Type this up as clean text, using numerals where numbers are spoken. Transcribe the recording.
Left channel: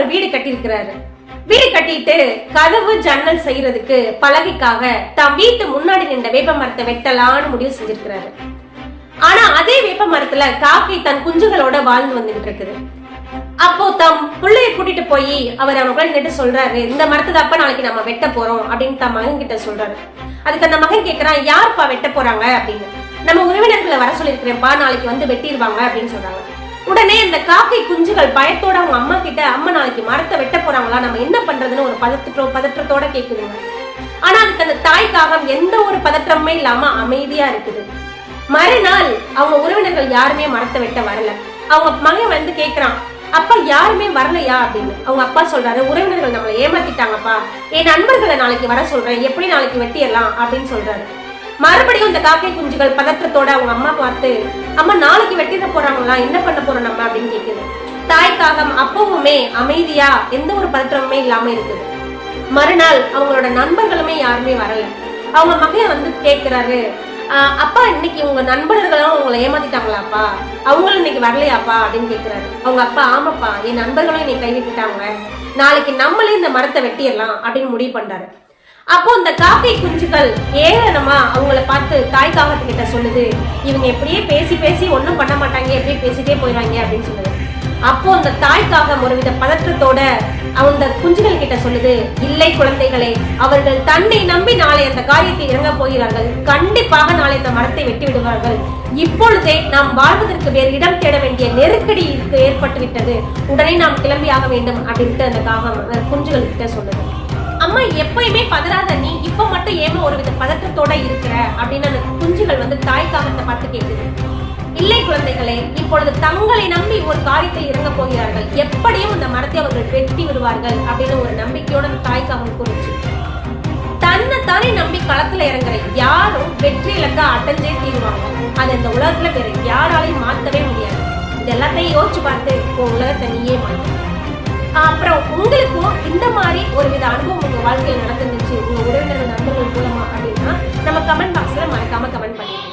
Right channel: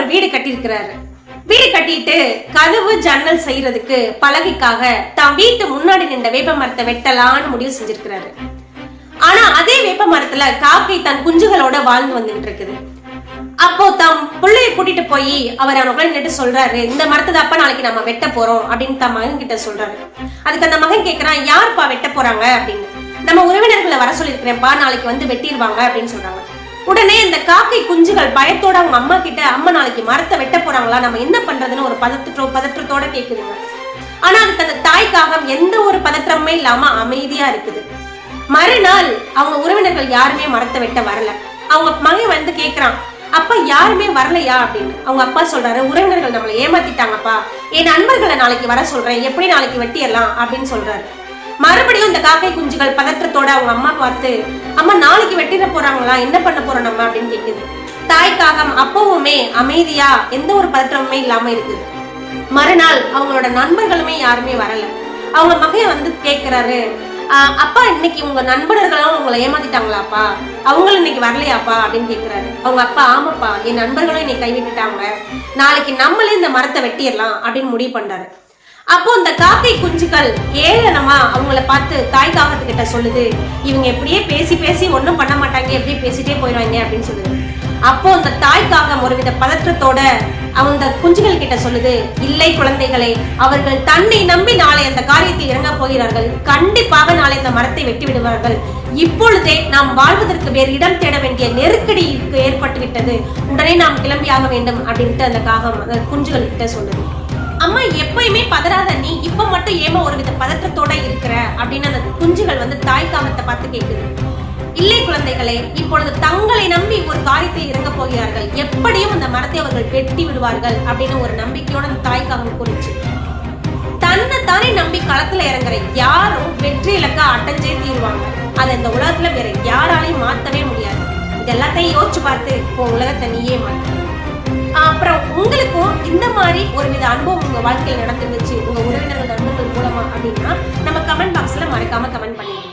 ஒரு வீடு கட்டியிருக்கிறாரு. வீடு கட்டிட்டு கதவு ஜன்னல் செய்யறதுக்கு பலகைக்காக தம் வீட்டு முன்னாடி நின்ற வேப்ப மரத்தை வெட்டலான்னு முடிவு செஞ்சிருக்கிறாரு. ஆனா அதே வேப்ப மரத்துல காக்கை தன் குஞ்சுகளோட வாழ்ந்து வந்துட்டு இருக்குது. அப்போ தம் பிள்ளைய கூட்டிட்டு போய் அவர் அவனுக்குள்ள நின்று சொல்றாரு, இந்த மரத்தை தப்ப நாளைக்கு நம்ம வெட்ட போறோம் அப்படின்னு தம் மகன் கிட்ட சொல்றாரு. அதுக்கு அந்த மகன் கேட்கிறான், யாருப்பா வெட்ட போறாங்க அப்படின்னு. நம்ம உறவினர்களை வர சொல்லிருக்கிறேன்ப்பா, நாளைக்கு வந்து வெட்டிடுவாங்க அப்படின்னு சொல்றாங்க. உடனே இந்த காக்கை குஞ்சுகள் பயத்தோட அவங்க அம்மா கிட்ட, அம்மா நாளைக்கு மரத்தை வெட்ட போறாங்களா, நம்ம என்ன பண்றதுன்னு ஒரு பதற்றத்தோட கேக்குதுங்க. ஆனா அதுக்கு அந்த தாய் காகம் எந்த ஒரு பதற்றமே இல்லாம அமைதியா இருக்குது. மறுநாள் அவங்க உறவினர்கள் யாருமே மரத்தை வெட்ட வரல. அவங்க மகன் வந்து கேக்குறான், அப்பா யாருமே வரலையா அப்படின்னு. அவங்க அப்பா சொல்றாரு, உறவினர்கள் நம்மளை ஏமாத்திட்டாங்கப்பா, என் நண்பர்களை நாளைக்கு வர சொல்றேன், எப்படி நாளைக்கு வெட்டிடலாம் அப்படின்னு சொல்றாரு. மறுபடியும் இந்த காக்கை குஞ்சுகள் பதற்றத்தோட அவங்க அம்மா பார்த்து, அம்மா நாளைக்கு வெட்டிட போறாங்களா, என்ன பண்ண போறோம் நம்ம அப்படின்னு கேக்குது. தாய்க்காகம் அப்பவுமே அமைதியா எந்த ஒரு பதற்றமுமே இல்லாம இருக்குது. மறுநாள் அவங்களோட நண்பர்களுமே யாருமே வரல. அவங்க மகன் வந்து கேக்குறாரு, அப்பா இன்னைக்கு உங்க நண்பர்களும் உங்களை ஏமாத்திட்டாங்களாப்பா, அவங்களும் இன்னைக்கு வரலையாப்பா அப்படின்னு கேக்குறாரு. அவங்க அப்பா, ஆமாப்பா என் நண்பர்களும் இன்னைக்கு கைவிட்டுட்டாங்க, நாளைக்கு நம்மளே இந்த மரத்தை வெட்டிடலாம் அப்படின்னு முடிவு பண்றாரு. அப்போ இந்த காக்கை குஞ்சுகள் ஏளனமா அவங்கள பார்த்து தாய் காகத்துக்கிட்ட சொல்லுது, இவங்க எப்படியே பேசி பேசி ஒன்னும் பண்ண மாட்டாங்க, எப்படியே பேசிட்டே போயிடுவாங்க அப்படின்னு சொல்லுது. அப்போ அந்த தாய் காகம் ஒருவித பதற்றத்தோட அவங்க குஞ்சுகள் கிட்ட சொல்லுது, இல்லை குழந்தைகளை, அவர்கள் தன்னை நம்பி நாளை அந்த காரியத்தில் இறங்க போகிறார்கள், கண்டிப்பாக நாளை இந்த மரத்தை வெட்டி விடுவார்கள், இப்பொழுதே நாம் வாழ்வதற்கு வேறு இடம் தேட வேண்டிய நெருக்கடி ஏற்பட்டு விட்டது, உடனே நாம் கிளம்பி ஆக வேண்டும் அப்படின்ட்டு அந்த காகம் குஞ்சுகள் கிட்ட சொல்லுது. அம்மா எப்பயுமே பதறாத நீ இப்ப மட்டும் ஏமா ஒருவித பதற்றத்தோட இருக்கிற அப்படின்னு அந்த குஞ்சுகள் வந்து தாய் காகத்தை பார்த்து கேட்குது. இல்லை குழந்தைகளே, இப்பொழுது தங்களை நம்பி ஒரு காரியத்தை இறங்க போகிறார்கள், எப்படியும் இந்த மரத்தை அவர்கள் வெட்டி விடுவார்கள் அப்படின்னு ஒரு நம்பிக்கையோட அந்த தாய் காகம் கூறிச்சு. தன்னைத்தானே நம்பி களத்துல இறங்குற யாரும் வெற்றி இலக்கா அடைஞ்சே தீருவாங்க. அதை இந்த உலகத்துல வேற யாராலையும் மாத்தவே முடியாது. இது எல்லாத்தையும் யோசிச்சு பார்த்து உன் உலகத்தை நீயே மாற்று. அப்புறம் உங்களுக்கும் இந்த மாதிரி ஒரு வித அனுபவம் உங்க வாழ்க்கையில் நடந்துருந்துச்சு உங்க உறவினர்கள் நண்பர்கள் மூலமா அப்படின்னா நம்ம கமெண்ட் பாக்ஸ்ல மறக்காம கமெண்ட் பண்ணிடுங்க.